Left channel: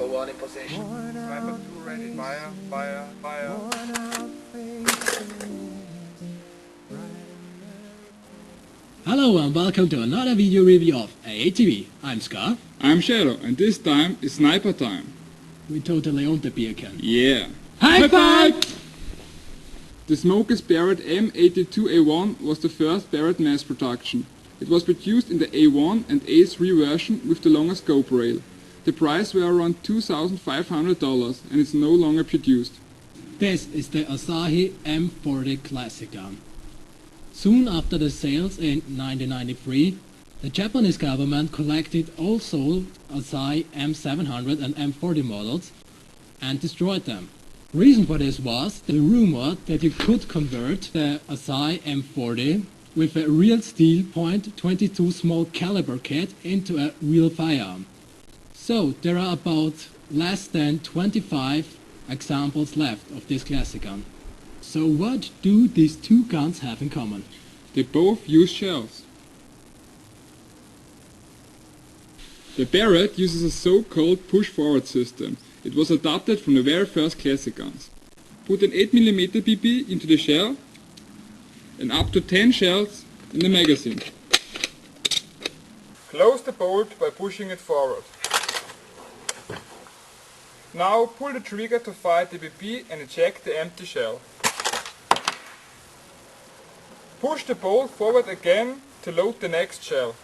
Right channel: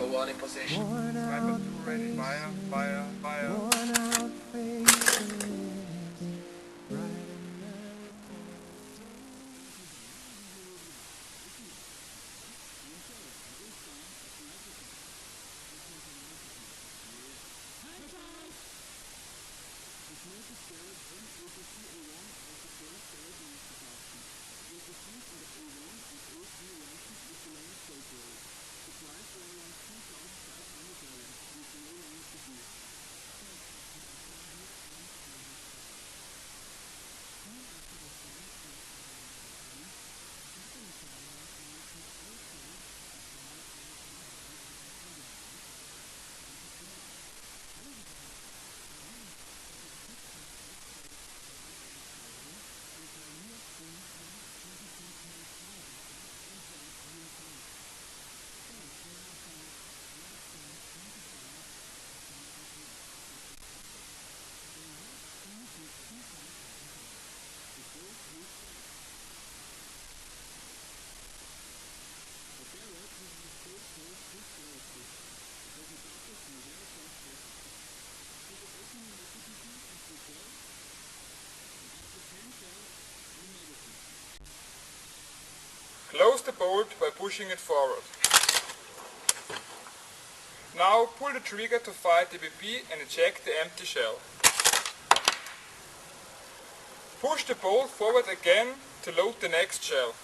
Go one in position. Worn out faces, worn out faces, right in the... Hello and welcome to another video review of AATV. I'm Scar. I'm Shadow, and this time is sniper time. We totally owned the beer can. Yeah. High five! The Smokey's Barrett M82A1 was the first Barrett mass production. It was produced in the A1 and A3 version with the longer scope rail. The price were around $2,500 and it's no longer produced. This is the Asahi M40 classic gun. Soon after the sales in 1993, the Japanese government collected all sold Asahi M700 and M40 models and destroyed them. Reason for this was the rumor that you could convert the Asahi M40 with a real steel .22 small caliber kit into a real firearm. So there are about less than 25 examples left of this classic gun. So what do these two guns have in common? They both use shells. The Barrett uses a so-called push-forward system. It was adapted from the very first classic guns. Put an 8mm BB into the shell and up to 10 shells in the magazine. Close the bolt by pushing it forward. Now pull the trigger to fire the BB and eject the empty shell. Push the bolt forward again to load the next shell.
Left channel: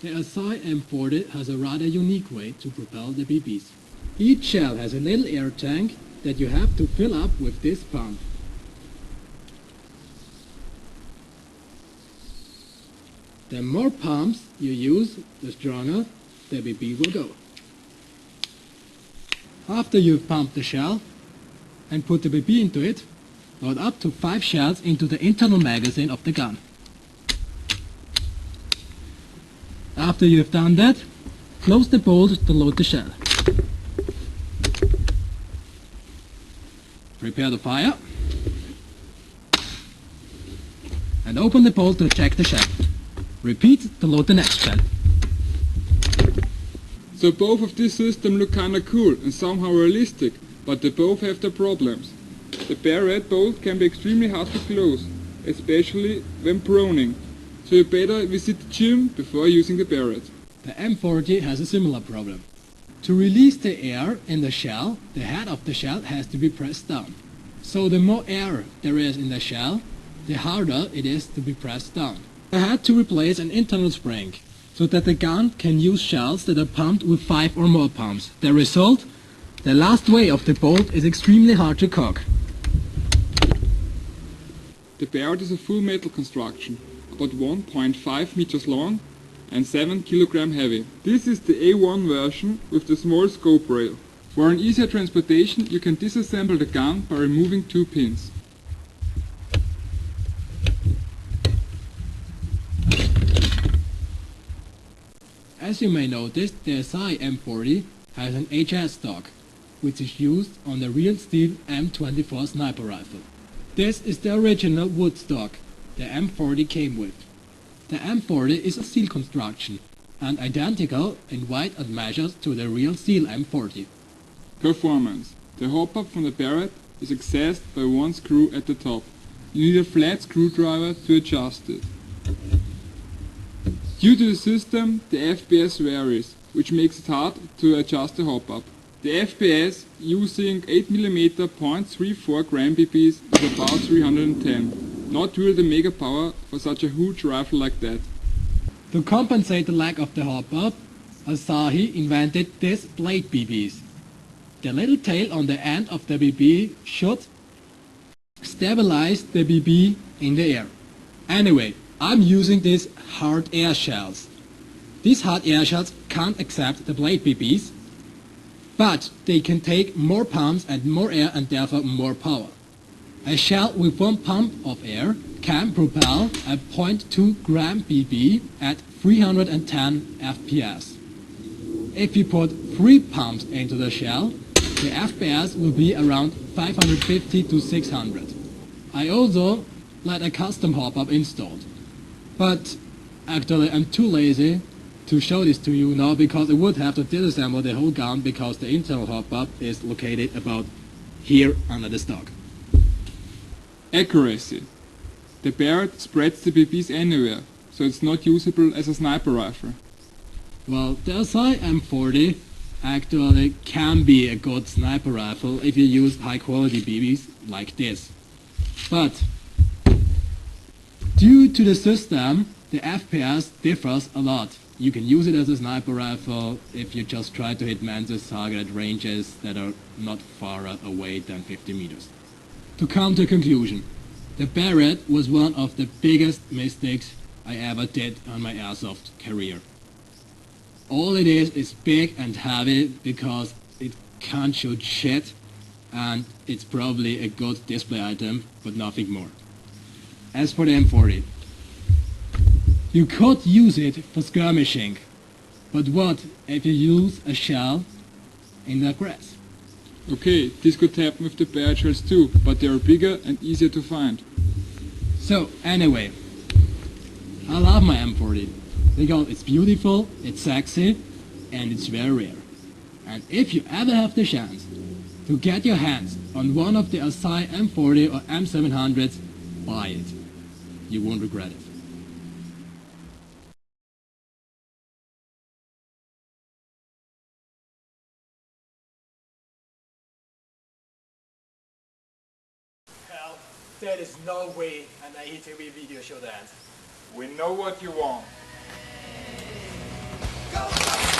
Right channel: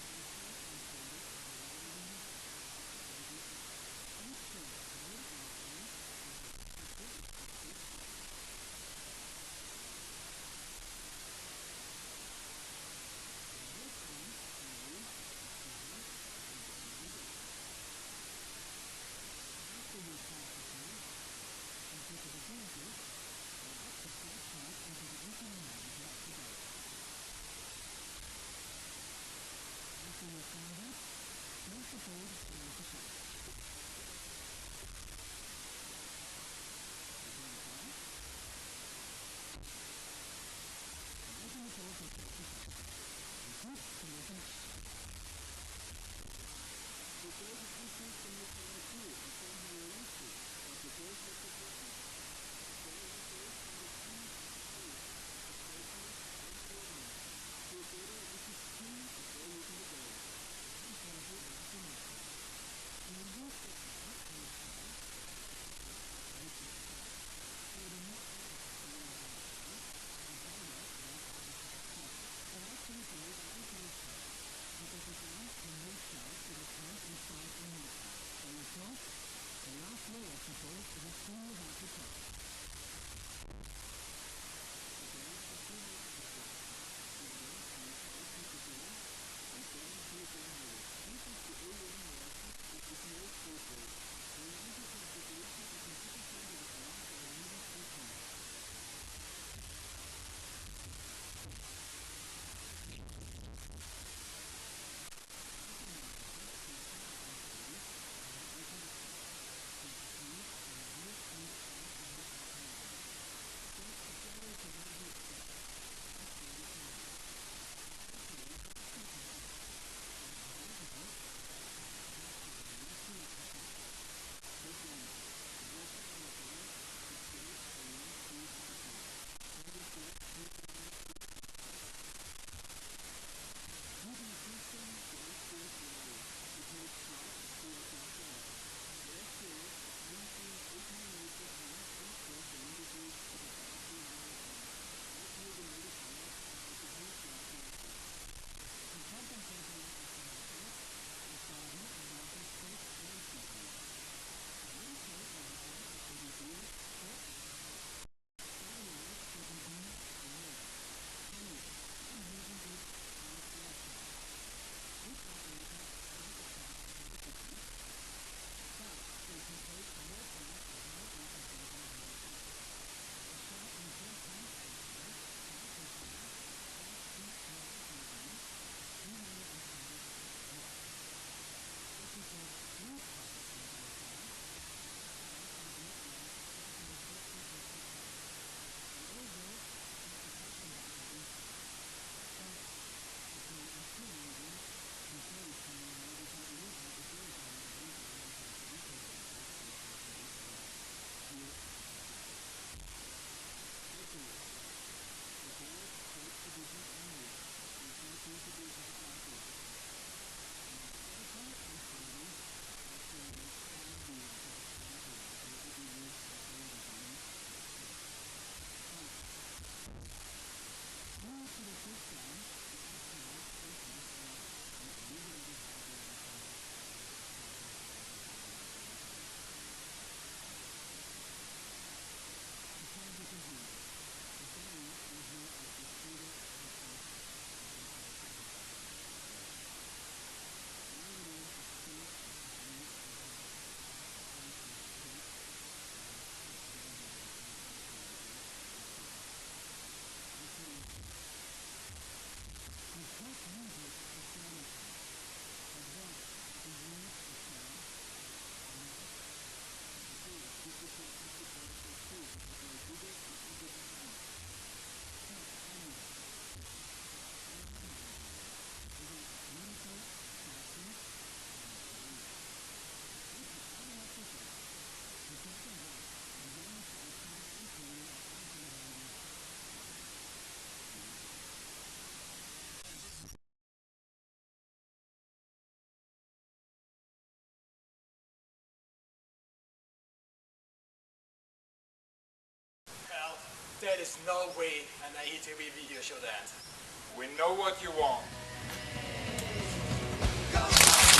The Asahi M40 has a rather unique way to propel the BBs. Each shell has a little air tank that you have to fill up with this pump. The more pumps you use, the stronger the BB will go. After you've pumped the shell and put the BB into it, load up to 5 shells into the internal magazine of the gun. After you've done that, close the bolt to load the shell. Prepare the fire and open the bolt to eject the shell. Repeat to load the next shell. So both of these systems look kinda cool and somehow realistic, but they both have their problems. The Barrett bolt can be extremely hard to close, especially when proning, so you better visit the gym before using the Barrett. The M40 has a similar problem. To release the air in the shell, the head of the shell has to be pressed down. So the more air there is in the shell, the harder it is to be pressed down. I had to replace an internal spring, so that the gun can use shells that are pumped with 5 or more pumps. The result? The last way of the bolt is extremely hard to cock. The Barrett is a full metal construction, about 1.5 meters long and 7 kg heavy. This is the A1 version with the small scope rail. For an easier transportation you can disassemble the gun by removing 2 pins. As you may notice, the Asahi M40 has an HS stock, which is used on the real steel M24 sniper rifle. This is the original wood stock the M40 came with. The M40 is a steel construction and identical in weight and measures to the real steel M40. Performance. The hop-up from the Barrett is accessed by one screw at the top. You need a flat screwdriver to adjust it. Due to the system, the FPS varies, which makes it hard to adjust the hop-up. The FPS using 8mm .34 gram BBs is about 310. Not really the mega power for such a huge rifle like that. To compensate the lack of the hop-up, Asahi invented these blade BBs. The little tail on the end of the BB should stabilize the BB in the air. Anyway, I'm using these hard air shells. These hard air shells can't accept the blade BBs, but they can take more pumps and more air and therefore more power. A shell with 1 pump of air can propel a .2 gram BB at 310 FPS. If you put 3 pumps into the shell, the FPS will be around 550 to 600. I also let a custom hop-up installed. But actually I'm too lazy to show this to you now because I would have to disassemble the whole gun because the internal hop-up is located about here under the stock. Accuracy. The Barrett spreads the BBs anywhere, so it's not usable as a sniper rifle. Well, the Asahi M40 actually can be a good sniper rifle if you use high quality BBs like this. But due to the system, the FPS differs a lot. You can use it as a sniper rifle if you just try to hit Mantis target at ranges that are not far away than 50 meters. To come to a conclusion, the Barrett was one of the biggest mistakes I ever did on my airsoft career. All it is big and heavy because it can't shoot shit, and it's probably a good display item, but nothing more. As for the M40, you could use it for skirmishing, but what if you use a shell in the grass? Okay, this could happen with the Barrett shells too, but they are bigger and easier to find. So anyway, I love my M40 because it's beautiful, it's sexy, and it's very rare. And if you ever have the chance to get your hands on one of the Asahi M40 or M700s, buy it. You won't regret it. Hell, there is no way an AATV video should end. We know what you want. Go, go,